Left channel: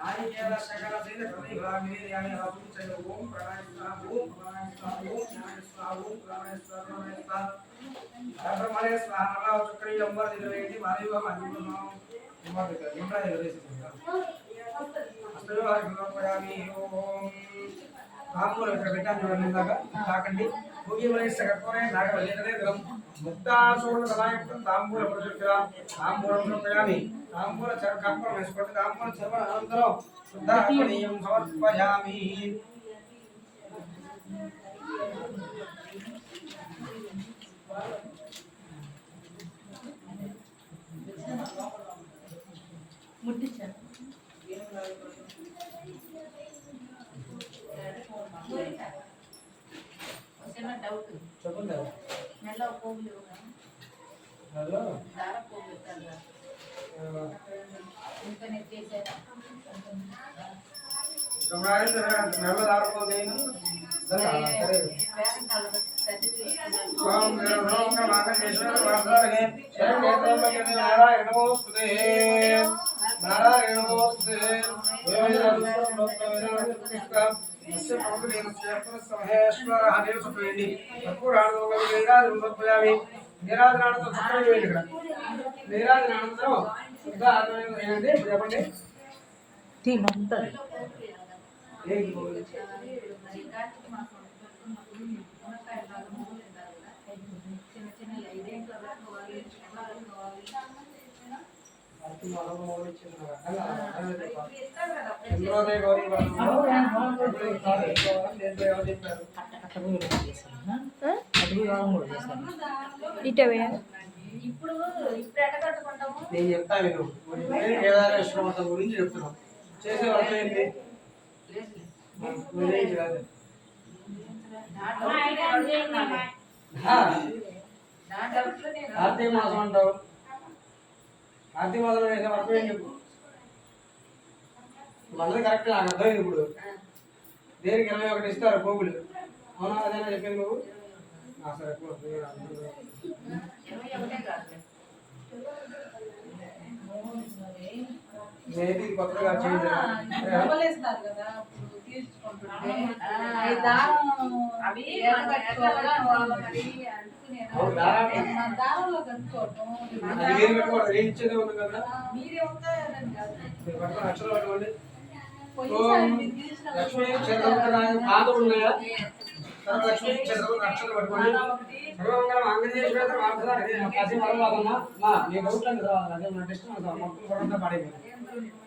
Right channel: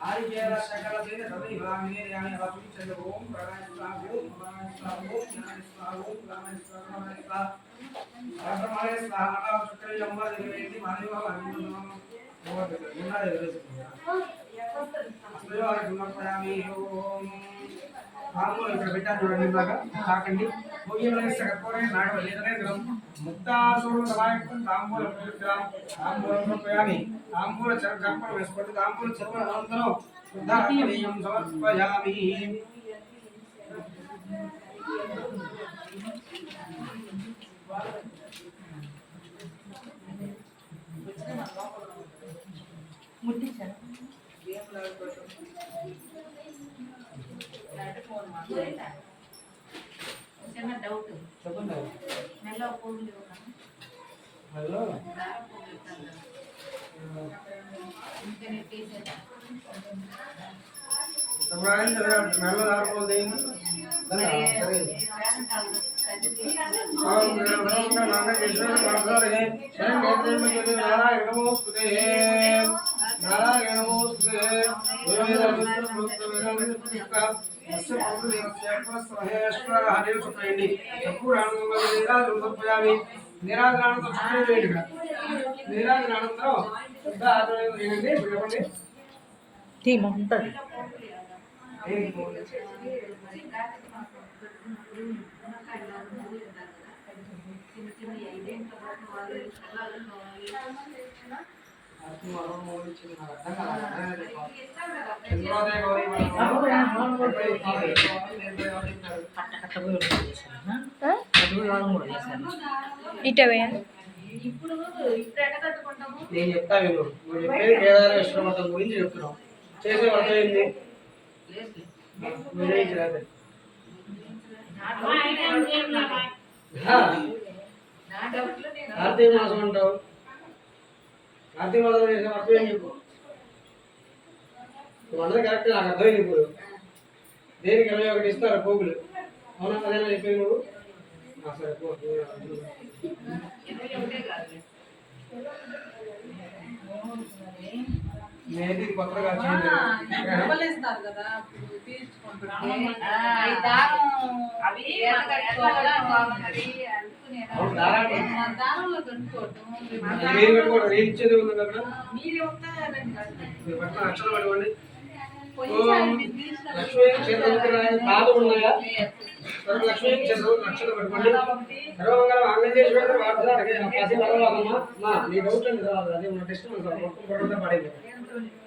नारिकेल सकल तेज सभी ब्राह्मणे ध्यान आसुन चलो ओम प्राणाय स्वाहा ओम प्राणाय स्वाहा ओम ज्ञान स्वाहा ओम प्राणाय स्वाहा प्राणाय स्वाहा ब्रह्मणे स्वाहा नमः चक्री लंबा दिलवेति मानिवा मानिवा नमः निम्ना दिलवेति अस्तयो गुणपयामि ओम तांबूल ఇక్కడ పెట్టాను చూడండి ఇందాక తాకండి భోగిమలై సగపోరే నాగవల్లేదనే గ్రం ముక్తాసూరు సమాయుక్తం తాంబూల ప్రతిగ్ర తాంబూలం సమర్పయామి తాంబూల చర్కప్పం వేసుకోండి తాంబూల చర్మ అనంతరం శుద్ధాపనీయం సమర్పయామి ముట్టించారు డౌట్ చెప్పండి నెల పోగులు హలో దార పోగులు ఇంకా నెట్టేసారా తమరాయిల్ నెల దార పోదేని సరే ఓం నమః నారాయణ వాసుదేవాయ శరణం నేత్రేమకే నారాయణ నమోస్తుతే నారాయణ నమోస్తుతే అస్య ప్రభుదేవస్య పురస్సమహేశ్వర హరిసుపేండి తప్పురాణోగం నిరాజనమర్పయామి నిరాజనానంతో చక్రం వేయండి ఇక్కడ నిరాజనానంతరం శుద్ధ ఆచరణ ఏంటంటే ఇప్పుడు చెప్పండి టీమ్ ఉంటుంది ఇప్పుడు నేను చెప్తా విను కేదారేశ్వర వ్రతం గురించి చెప్తున్నావు చేసే వ్రతం ఏంటి కార్తీక మాసం అంటావు కార్తీక మాసంలో చేసే వ్రతం ఏం చెప్పు నువ్వు కరెక్ట్ నాకు అర్థమైంది ఇప్పుడు దేనికి 21 ఇస్తారు పోగులు అవునా అదేనా చెప్పేది నువ్వు సరే మేది కొత్తగా చేంజ్ డబ్బులేస్తారు కదా తీర్చుకుంటుంటే అవి దారంలో కట్టుకోవటం మీరు కట్టుకోవడం ఏం ఇచ్చేది ఉంది కదా మీరే మీరు పట్ల అక్షరం పట్టుకోండి లక్ష్మీ క్షేత్రాయ పాదం ఉన్నాయా సర్వలక్ష్మీ క్షేత్రం అక్షరం పట్టుకోండి సర్వమంగళం ఆంజనేశ్వర వార్తదానికి కాశీ మరవాదమ్మా మా మీ డౌట్ అండి అదే మన టెస్ట్ మొత్తం పొరంతా పడేది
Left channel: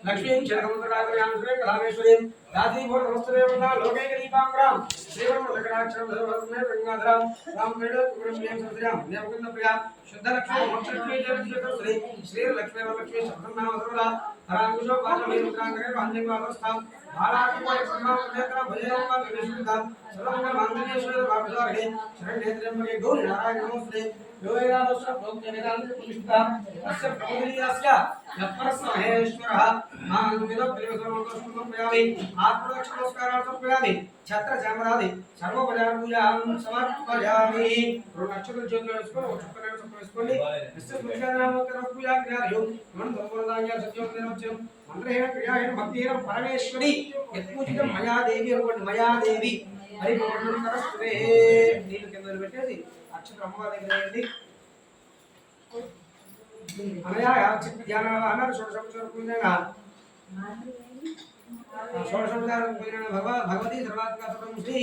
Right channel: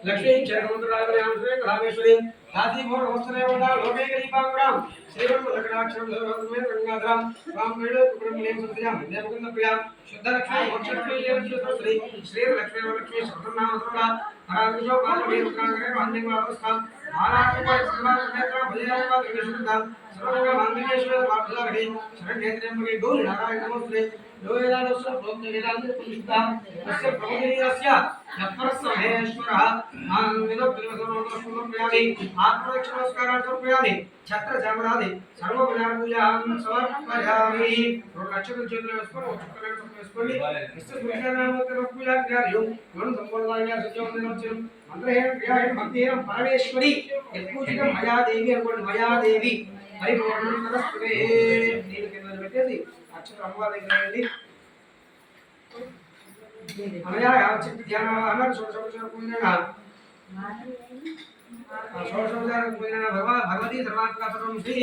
లక్ష్మీ క్షేత్రమంత్రాగర్యాం కళామేశ్వరీం దాసీభూత వస్తుదేవత లోకే దీపాంగరాం శ్రీవర్మలకటాక్షరం సర్వమే గంగాధరం వాం వేళ కుకురం సంధ్యాం దేవకుంద ప్రియాం శుద్ధ లక్ష్మీ మోక్షలక్ష్మీ జయశ్రీ శ్రీ శ్రీ లక్ష్మీ లక్ష్మీ సహస్రనామ సర్వదా హరాంకుశో పార్వతీ రుద్రాంగరే రాంజంగావస్థాం ఆరాధన సర్వనేత్ర భజయామ విష్ణుదాం సర్వంగ మంత్రేశ్వర వార్తదారికి శరణ్యేత్ర్యంబగే గౌరీ నారాయణ నమస్తే లోయదాదస్య ప్రోక్త వేదాంత పుష్టాం అస్య ప్రభుదినియస్య యప్పరస్మహేశ్వరః మాంగిదో ప్రిమసనోదస్మం ప్రయామి ఆత్మరక్షణ నమస్కారాలు సమర్పయామి ఛత్ర చామరాది సర్వోపచార పూజాం సమర్పయామి నక్షత్ర జ్యోతిలో వేసుకొని వేసుకోండి విష్ణు పురుషానామోత్తర పూజా క్రియాలయం మనం సంపూర్ణంగా సత్యవంతం వచ్చిన మంత్రహేన క్రియాహేన భక్తిహేన పరమేశ్వరి యత్పూజితం మయాదేవి అనుకోండి మయాదేవి హరిపూర్ణం నమస్తే నీళ్ళు కింద పెట్టేసి అక్షరం అమ్మవారి దగ్గర వెళ్ళి అనయా చిత్త ధ్యాన అన్నారు షోడశోపచార పూజన షోడశోపచార పూజన భగవతి సర్వాత్మక సర్వం శ్రీ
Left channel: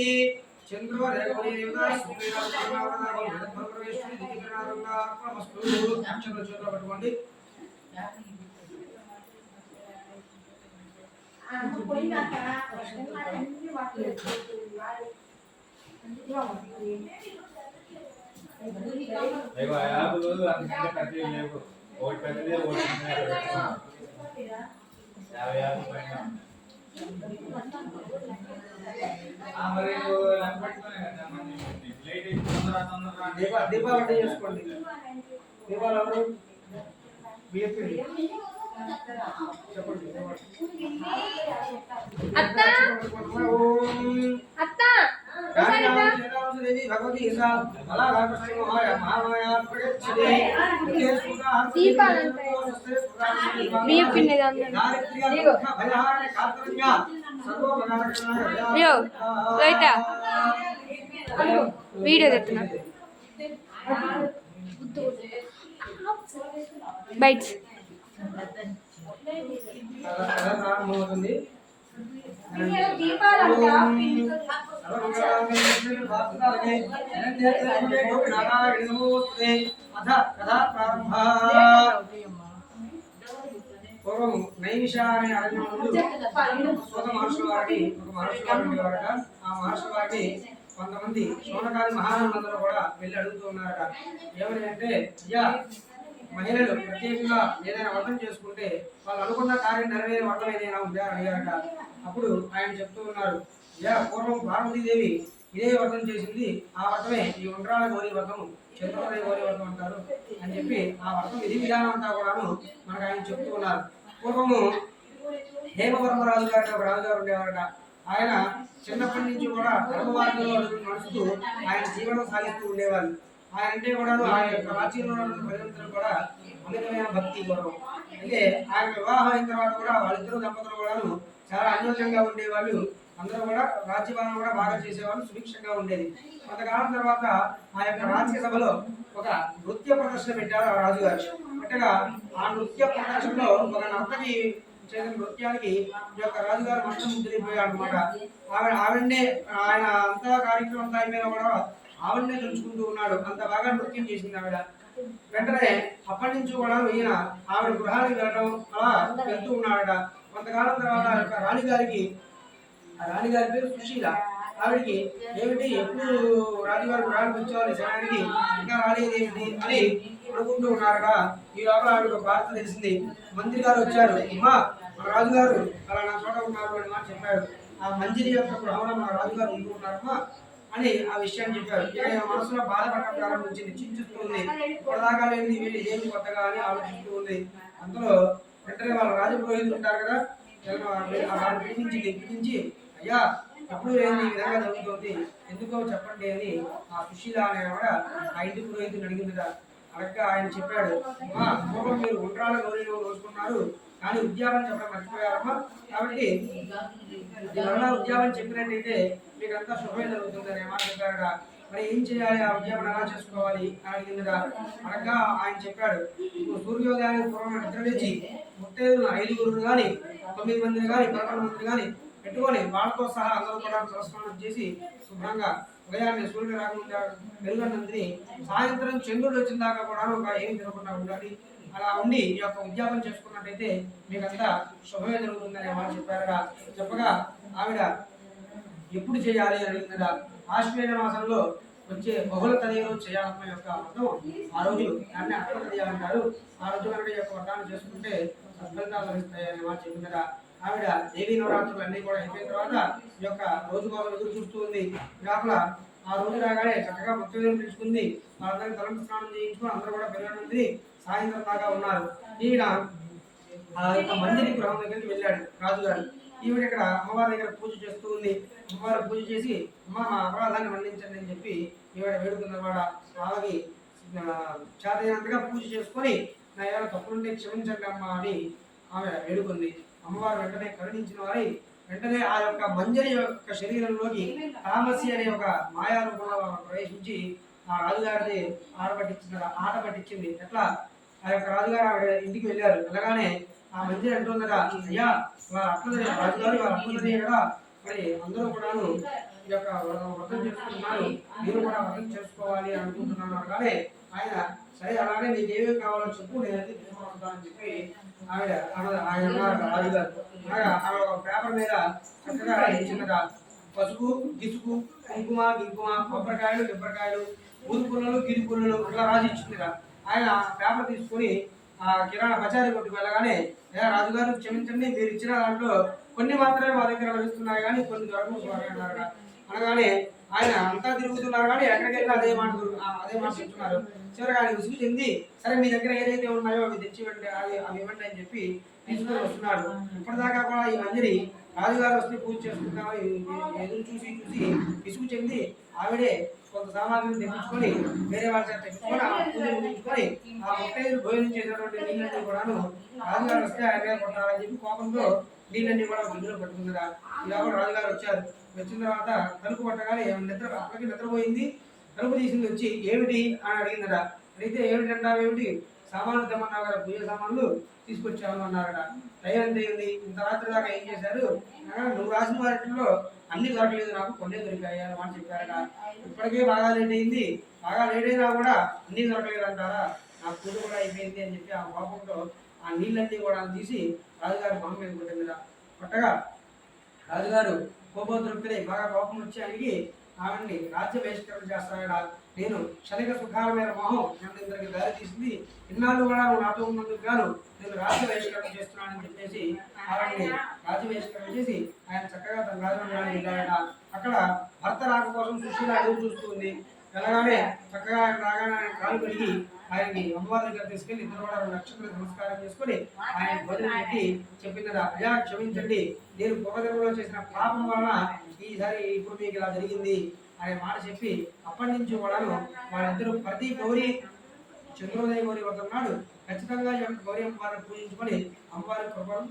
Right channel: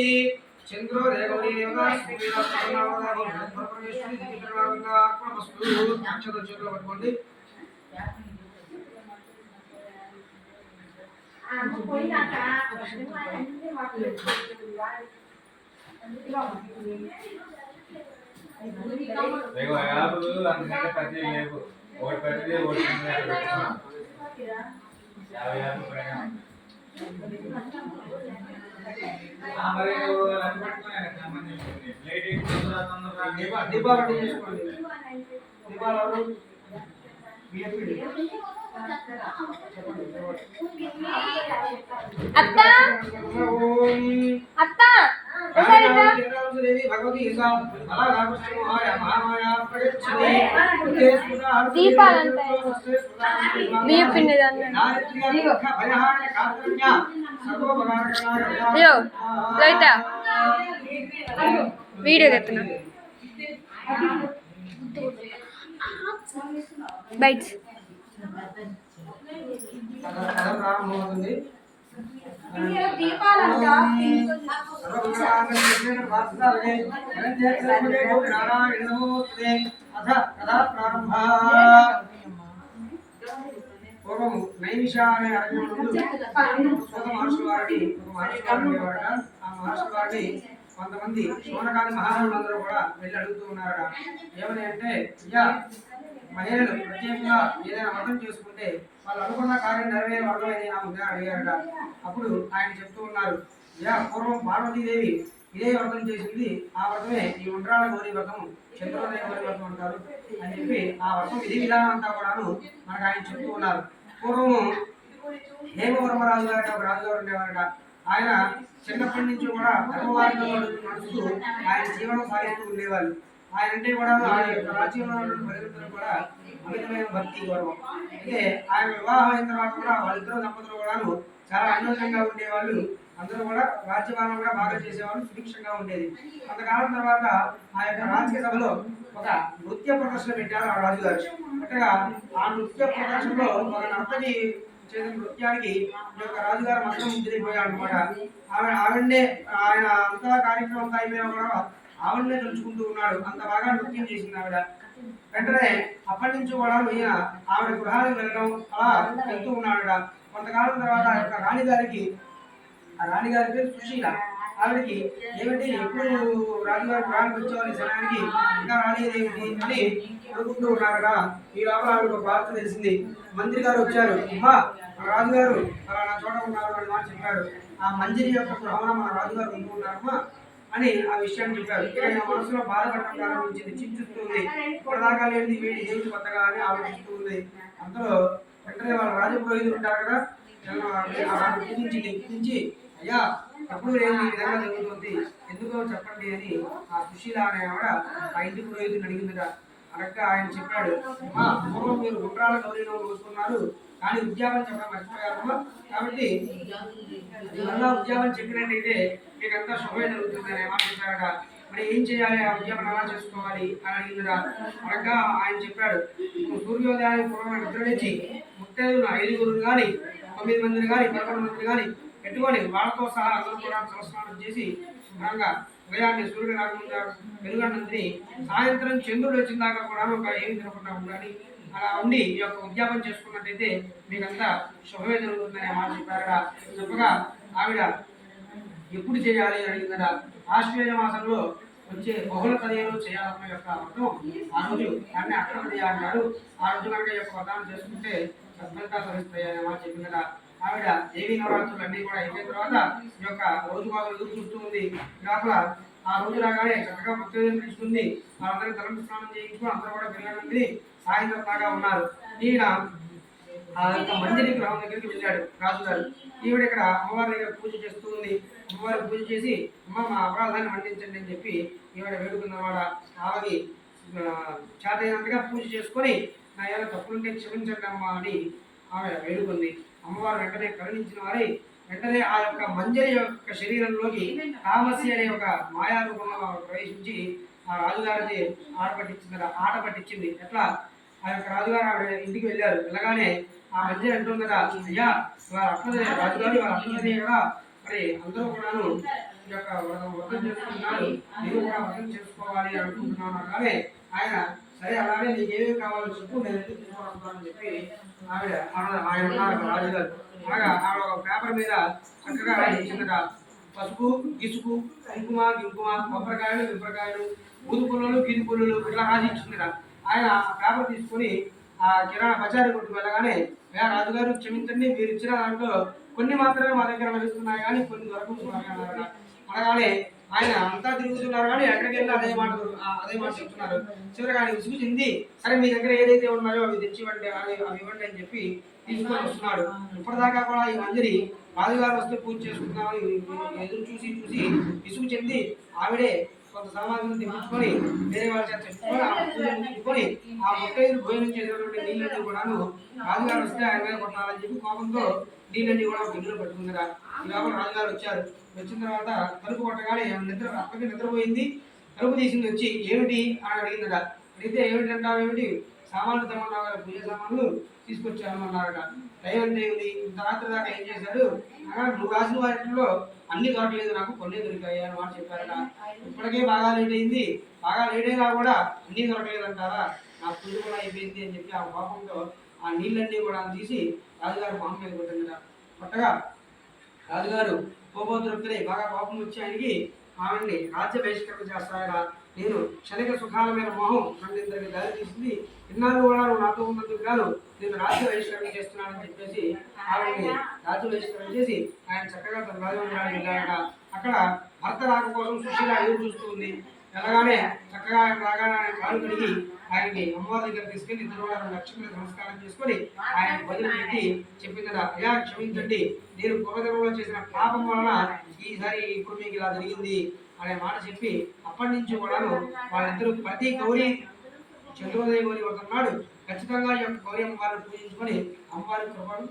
చంద్రో రేగౌరీ యోగా సూర్య సర్వనామదాగం పరమేశ్వరి దివ్యనామంగా అక్రమస్తు అక్షర చేతులు పట్టుకోండి देखो आप अंदर पति ले वोट पति ले वोट में याव पైన మరి నాకు పట్టుకునే సంబంధించి ప్లేట్ తొందరగా దీపావళి చేసుకోండి దీపావళి బిఎఫ్పి అత్త అత్త దేవి భగవతి ఈశా అలా రాకృష్ణ మహామాయా ప్రగచ్చతి దీపాలంటే బియ్యం పిండిదాన్ని అయ్యో లోహిత వీడియో తెస్తున్నా బైట్స్ ప్రారంభమవుతుంది. పూర్వం నైమిష అనే అరణ్యం ముందు సోద మహర్షుల వారిని ఒక మహర్షి వారు ఉండేవారట. ఆ మహర్షి వారిని కొంతమంది శోనకాది మహారాజులందరూ కూడా వెళ్ళి అడుగుతూ ఉన్నారట. ఏమని అంటే, అయ్యా మహిళలు ప్రత్యేకంగా ఏదైనా వ్రతం చేసుకుంటే వాళ్ళు అనుకున్న కార్యం నెరవేరే వ్రతం ఏదైనా ఉందా అని అడిగారట. అప్పుడు ఆయన చెప్తూ ఉన్నారు, అయ్యా పూర్వం పార్వతీదేవి ఇదే వ్రతం చేసింది. ఆ వ్రతమే ఈ ఉండ్రాల గౌరీ వ్రతం, చంద్రోదయ గౌరీ వ్రతం అంటారు అని చెప్పి ఆ వ్రతం విధి విధానం అంతా కూడాను మనకు ఆయన చెప్తూ ఉన్నారు. పూర్వము హేమవర్మరాజు గారు ఒక రాజుగారు ఉండేవారట. ఆయన చిన్నప్పటి నుంచి కూడా ధర్మవారిలో నడుస్తూ ఆయన జీవనం సాగిస్తూ ఉండేవాళ్ళు. ఆయన అంటే కూడా రాజ్యంలో ఉన్న ప్రజలందరూ కూడా అమితమైన భక్తి గౌరవం. అయితే ఆయన వివాహం అయిన తర్వాత కూడా వాళ్ళిద్దరు దంపతులు కూడాను చాలా అన్యోన్యంగా ఉండేవాళ్ళు. అందరూ కూడా రాజ్యపాలన కూడా బాగా చేసేవాళ్ళు, సుభిక్షంగా ఉండేది. కొంతకాలం తర్వాత ఆ యొక్క రాజ్య సభలో ఒక నృత్య ప్రదర్శన పెట్టారు ఆ రాజుగారు. పెట్టగా ఆ నృత్య ప్రదర్శనలో ఒక నర్తకి చేసిన నృత్యానికి ఈ యొక్క రాజుగారు మొత్తం ముద్రైపోయాడు అనమాట. ఆవిడనే ఆయన అంతా కార్యక్రమం అంతా అయిపోయినా కూడా ఆవిడనే తెలుసుకుంటూ ఉన్నాడు. అంత బాగా నృత్యం చేసింది ఆవిడ. వెంటనే అప్పటి నుంచి కూడా ఈయన ఆవిడ గృహానికి వెళ్ళడం అలా వెళ్తూ ఉన్నాడట. కొంతకాలం తర్వాత ఆ యొక్క రాణిగారికి, ఆ రాణిగారి పేరు సుశీల, ఆవిడికి ఏమిటి ఎప్పుడు రాజుగారి గృహానికి వచ్చేవాళ్ళ సమయానికి ఇంకా రాలేదు ఏమిటి అని అనుకుంటూ ఉన్నారట. ఈ లోపల ఆవిడకు వార్త తెలిసింది. మంత్రి గారు వచ్చారు, అమ్మా మన రాజుగారు అలా నా చోట ఉన్నారు అని మాట చెప్పాడు. ఆ మంజరి యొక్క గృహంలో మన రాజుగారు ఉంటూ ఉన్నారమ్మా అని ఆ విషయాన్ని చెప్పారు. ఇక మనసులో బాధపడటం ప్రారంభించింది, చింతిస్తుంది. ఇప్పటిదాకా లేని వేడి ఏమిటి కొత్తగా అని ఆలోచిస్తూ ఉంది. అంతలో వెంటనే వాళ్ళ రాజపురోహితులు ఉంటారు కదా, పిలిపించి అయ్యా ఎప్పుడు లేని ఈ విధంగా జరుగుతుంది, ఎందుకో చెప్పండి అని ఆ సుశీల అనే ఆవిడ ఆ ఇంటి పురోహితులు అడిగిందిగా. అడగ్గా ఆయన చెప్పాడు, పూర్వం మీరు ఉండ్రాల గౌరీలో రోజుకున్నారు, కానీ ఉద్యాపన చెప్పడం మర్చిపోయారమ్మా. కాబట్టి మరలా ఉద్యాపన చెప్పినట్టయితే మీకంతా శుభమే జరుగుతుంది అని మాట చెప్పారట. మరి ఏం చేయాలి, ఆ ఉద్యాపన ఎలా చేసుకోవాలి అని అడిగిందిరా. అడగ్గా ఆయన చెప్పాడు, సూర్యోదయానికి పూర్వం నిద్రలేచి ముత్తైదులు 5 కానీ 9 మందిని కానీ 11 మందిని కానీ పెట్టుకొని వాళ్ళతో సహా అందరూ కూడా తలస్నానం చేసి శుభ్రంగా ఉదయాన్నే సూర్యుడు రాకముందు వెలుగన్నంతిని సాయంత్రం చంద్రుడు వచ్చిన దాకా కూడా ఏమి తినకుండా ఉండాలి. అలా ఉండి ఈ యొక్క ఉద్యాపన చేసుకున్నట్టయితే మీకంతా శుభమే జరుగుతుందనే మాట చెప్పారట. చెప్పగా ఆవిడ ఎప్పుడు చేయాలి అని అడిగిందట. ఆశ్వేజ మాసంలో వచ్చే బహుళ తదియలో చేయాలన్న యొక్క వ్రతం ఆ రోజు దాన్ని అక్కడ తదియ అంటారు. ఆ రోజు కనుక ఈ యొక్క వ్రతాన్ని చేసుకుంటే సత్ఫలితాలు లభిస్తాయి అనే మాట చెప్పిందట. ఆవిడ దేవీ నవరాత్రులు అన్ని కూడా అయిపోయిన తర్వాత ఈ యొక్క రోజు కోసం ఎదురు చూస్తూ ఉంది. లోపల ఆ రోజు రాగానే చక్కగా మృత్యుదేవం పిలుచుకుంది. వాళ్ళందరికీ తలంపు స్నానం చేయించుకుని అందరూ కూడా పిల్లలందరి సాయంత్రం దాకా ఉన్నారు. ఈవిడ ఆ యొక్క మందిరి గృహం దగ్గరికి వెళ్ళాడు రాజుగారు. ఈవిడ ఇక్కడ అమ్మవారి దగ్గర పూజ చేస్తూ ఉంది. అమ్మవారి పూజ చేసి అమ్మ మా అపరాధాన్ని మన్నించండి అని చెప్పి ఈవిడ వేడుకున్నవాడ. ఆమెకి చేతైనంతగా పూజ చేసుకొని నా ఏమైనా తప్పులుంటే క్షమించండి అమ్మ అని ఆమె వేడుకుంది. అమ్మవారు వెంటనే కరుణించిన వారై వెంటనే ఆ యొక్క మంజరి యొక్క శరీరంలోకి తామసి అనే ఒక మాయా రూపంలో ప్రవేశించి ఆ రాజుగారిని ఆట పట్టించింది. ఎట్లా ఆ యొక్క రాజుగారు ఆవిడ ఇంటికి వెళ్ళారు. వెళ్ళగానే ఆ మంజరి అంటుందట, అయ్యా వాళ్ళ అట్లదే రాజుగారు వాళ్ళ అట్లదే కదా, మరి అందరూ కూడాను ఈ యొక్క వ్రతం చేసుకుంటున్నారు, నేను కూడా వ్రతం చేసుకోవాలి అనుకుంటున్నాను అనగానే ఆయన సరే అలాగే నీకు ఏమేమి కావాలో చెప్పు, నేను ఎందుకు తీసుకుంటానని చెప్పి ఆయన అన్నారు రాజుగారు. అనగా ఆవిడ ఒక పేపర్ మీద చక్కగా రాయించిందట. పసుపు, గిసుకు, కుంకుమ, కొబ్బరికాయలు, మిరపకాయలు, ఊరు పుల్లలు, గిరి పుల్లలు ఇట్లా రాసి ఇచ్చిందిరా. ఆయన పేపర్ తీసుకొని ఆ కిరాణా బజారు కొట్టుకు వెళ్ళగానే, రాజుగారు క్షమించండి, మీరు ఇచ్చిన దాంట్లో కొన్ని మాత్రమే మా దగ్గర లభిస్తున్నాయి కానీ కొన్ని దొరకవు అన్నారట. అనగానే ఆయన అంతా తిరుగుతున్నారు కానీ ఎక్కడికి వెళ్ళి అదే మాట చెప్తున్నారు. చివరిగా ఆయన విసుగు చెంది సరే మీ దగ్గర ఏదైతే ఉన్నాయో అవి తెచ్చివ్వండి, అవి ఇవ్వండి అని చెప్పి తీసుకొని వస్తున్నాడు. ఇప్పటిదాకా కూడా ఈ మందిరి రాజుగారు వస్తే పూజ చేసుకుంటున్నామని ఎదురు చూసి విసుగు చెంది ఆవిడే కొంత సామాగ్రిని తెప్పించుకొని వేరే వాళ్ళ చేత చెప్పుకొని ఆ పూజను ముగించుకొని ఆ ముత్తైదులు భోజనం చేసినటువంటి నీళ్ళన్నీ కూడాను రాజుగారు వస్తే ఆయన మీద కొట్టాలని చెప్పి కోపంతో నీళ్ళన్నీ కూడా ఒక గిన్నెలో పెట్టుకున్నారా. ఇలా కూడా రాజుగారు వచ్చారు. వచ్చిన తర్వాత తలుపు కొట్టగానే అప్పటికి నిద్రపోయింది. తలుపు తీసింది వచ్చి ఏమిటి అని అడిగిందట. అడిగితే ఏమిటి సామాన్లు తెమ్మన్నావు కదా, పూజ సామాన్లు తీసుకొచ్చాను అన్నారట. టైం ఎంత అయింది, ఇంత రాత్రి దాకా ఏం చేశారు, నువ్వు రాసిన వాటిలో అన్ని దొరకలేదు, నాకు కొన్ని దొరికాయి అని మాట చెప్పారట. ఇప్పటికే బాగా లేట్ అయింది, బాగా లేట్ అయినా కూడా అన్నీ దొరకలేదు అంటారా, నా పూజ కూడా అయిపోయింది అని చెప్పి ఆ కోపంతో ఆ నీళ్ళన్నీ కూడా తీసి రాజుగారు మొహం మీద కొట్టిందట. కొట్టగా రాజుగారు కోపోద్రుక్తులై బాగా కోపం వచ్చి ఆయనకి ఆవిడ్ని రాజ్య బహిష్కరణ చేస్తాడా, నేను క్షణిక సుఖాల మీద మోహం నన్ను ఇందరికి దారి తీసింది, ఇన్నాళ్ళు కూడా నువ్వు నాతో ఉన్నందుకు గాను నేను రాజ్య బహిష్కరణ చేస్తున్నానని చెప్పేసి ఆవిడ్ని రాజ్య బహిష్కరణ చేసి ఆయన చక్కగా తన రాజమందిరానికి వెళ్ళాడట. అక్కడ భర్త రాక కోసం సుశీల ఎదురు చూస్తూ ఉంది. వెళ్ళగానే చక్కగా రాగానే ఆయన కాలు కడిగి ఆయనకి అమ్మవారి దగ్గర తీసుకెళ్లి ఇద్దరు కూడా నక్షత్రాలకు నమస్కారం చేసుకొని ఆయన భోజనం పెట్టి చెప్పిందట, అయ్యా క్షమించండి, నేను పూర్వజన్మలో చేసిన పాపం వలన ఈసారి ఇప్పుడు మీకు ఇలా జరిగింది అనే మాట చెప్పి అప్పటి నుంచి కూడాను వాళ్ళిద్దరూ ప్రతి గౌరీ చంద్రోదయ గౌరీ అవుతున్నాడు ఖచ్చితంగా ఈ యొక్క గౌరీ అమ్మవారిని పూజించుకొని అమ్మవారి కృపను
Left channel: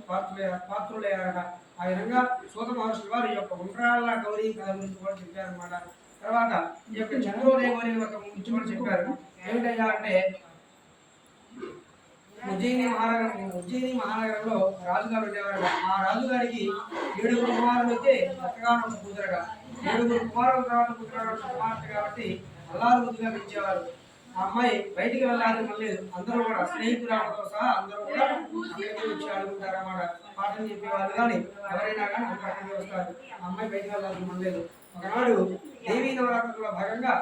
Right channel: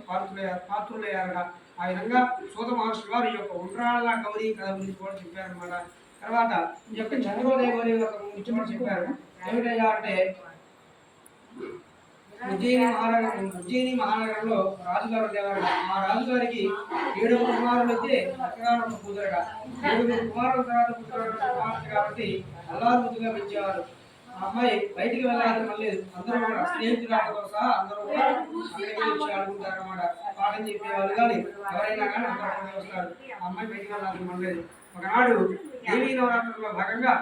పాత్రులయ్యారట. ఆ విధంగా సూత మహర్షులు వారు ఈ యొక్క ఉండ్రాళ్ళ గౌరీ కథ గురించి కూడా చెప్పారనమాట. తర్వాత ఈ యొక్క చంద్రోదయ గౌరీ గురించి కూడా చెప్పారు. ఏమిటయ్యా అంటే ఉజ్జయిని మహానగరంలో రాజుగారు ఉండేవారు. ఆ రాజుగారికి 7 కుమారులు అయితే చక్కగా ఒక కూతురుగా, 7 కుమారుల తర్వాత కుమార్తె కాబట్టి అల్లారు ముద్దుగా పెంచేవారు. ఆ అమ్మాయి బయటికి వెళ్ళాలని లేదు, అందరూ కూడా స్నేహితురాలతో సహా అందరూ కూడా అక్కడికి వచ్చి ఆడుకుంటారు అన్నమాట. పాఠం చెప్పేవాళ్ళు కానీ ఎవరైనా కానీ అందరూ వస్తారు. ఆ అమ్మాయి బయటికి వెళ్ళాలని లేదు. ఒకనాడు దేవీ నవరాత్రుల్లో భాగంగా